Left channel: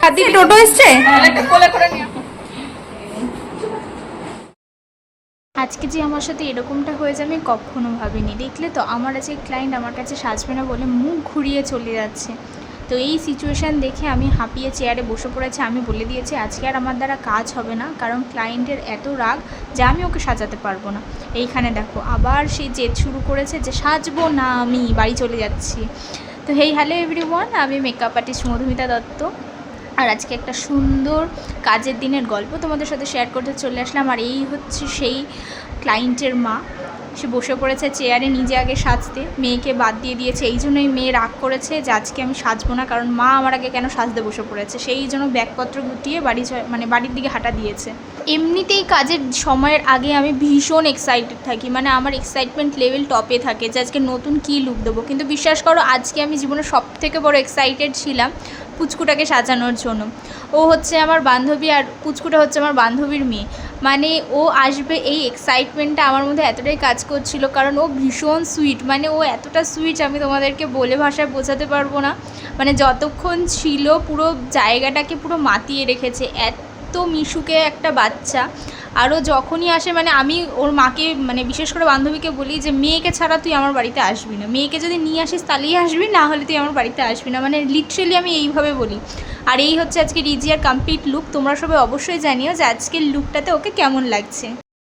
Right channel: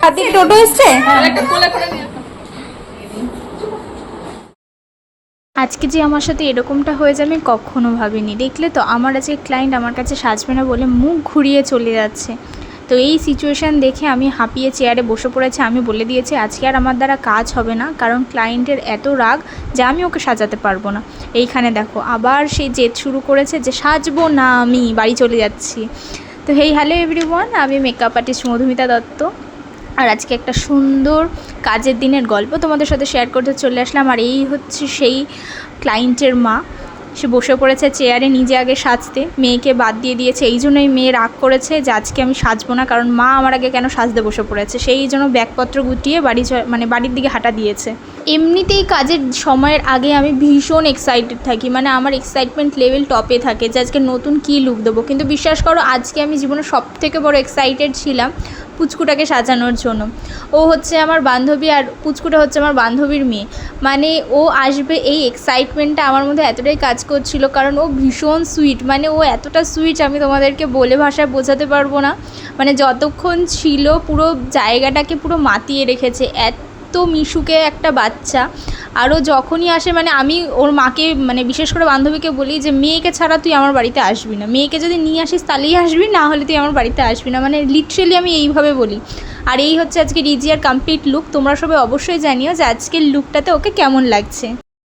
কার্তিক টোটো এসছে। আজকে যে আমার সাথে এরকমটা হয়ে যাবে আমি কখনো ভাবিনি। দেখলে তো আমার আজকে ক্লায়েন্ট আমার কাছে সাজবে না বলে মুখ ঘুরিয়ে চলে যাচ্ছে। তো এই সিচুয়েশান দেখে আমি হাঁপিয়ে চেয়ারে বসে পড়েছি। আমি বলে দিয়েছি আজকে আর আমার দ্বারা কাজ হবে না, কারণ ক্লায়েন্টের এত রাগ যে আমি ওকে সাজাতে পারবো না। এইখানে দেখো আবার সেই জেদ শুরু করেছে যে সাজবো না, আমি বাড়ি চলে যাচ্ছি। তো হেই হ্যালো এভরিওয়ান, আমি মেকআপ আর্টিস্ট মধুমিতা দত্ত। আর আজকে একটা সুন্দর কাজের দিনের গল্প তোমাদের সাথে শেয়ার করতে চলে আসলাম। আর এই হচ্ছে সেই ক্লায়েন্টের মা। সে বসে পড়েছে চেয়ারে নিজে আগে সাজতে, মেয়েকে বাদ দিয়ে দিয়েছে। এই জন্যই মেয়ে রাগ করেছে যে আজকে আমি সাজবো না, কারণ মা আমার আগে কেন সাজতে বসে পড়েছে। সেই জন্য ব্যাগপত্র গুটিয়ে বাড়ির দিকে হাঁটা দিয়েছে। এমনিতেই কাজের সময়ের আগে আমি ভীষণ এক্সাইটেড থাকি, মানে আমার এক্সাইটমেন্ট লেভেল টপে থাকে যে আজকে নতুন কী লুক দেবো। কিন্তু বিশ্বাস করো আজকে আমি জীবনে সবথেকে বড় এক্সাইটেড ছিলাম পুচকুটাকে সাজানোর জন্য। ও হচ্ছে আমার বান্ধবী আর পুচকুটা হচ্ছে আমার বান্ধবীর মেয়ে। মানে ও আসবে এই এক্সাইটমেন্টটা আমার মধ্যে এতটাই কাজ করছিল, কারণ ও ভীষণ সুইট। মানে ও এতটা সুইট আমি তোমাদেরকে বলে ভাষায় বোঝাতে পারবো না। মানে যতক্ষণ ছিল পুরো জায়গাটাকে পুরো মাতিয়ে রেখেছে, এত মিশুকে একটা বাচ্চা। আরও যখনই আসে মানে আমি ওর মাকে মানে বিশেষ করে বান্ধবীকে বলি যে মেয়েকে ছাড়া তুই আমার বাড়িতে আসবি না, মেয়েকে যদি নিয়ে আসিস তাহলেই আসবি, না হলে তুই আমার বাড়িতে আসবি না। মানে লিটারেলি আমি এইভাবে বলি। আর এই হচ্ছে আজকে রিজিয়ার কমপ্লিট লুক। তোমরা সবাই অবশ্যই জানিও যে আজকের লুকটাতে ওকে কেমন লাগছে।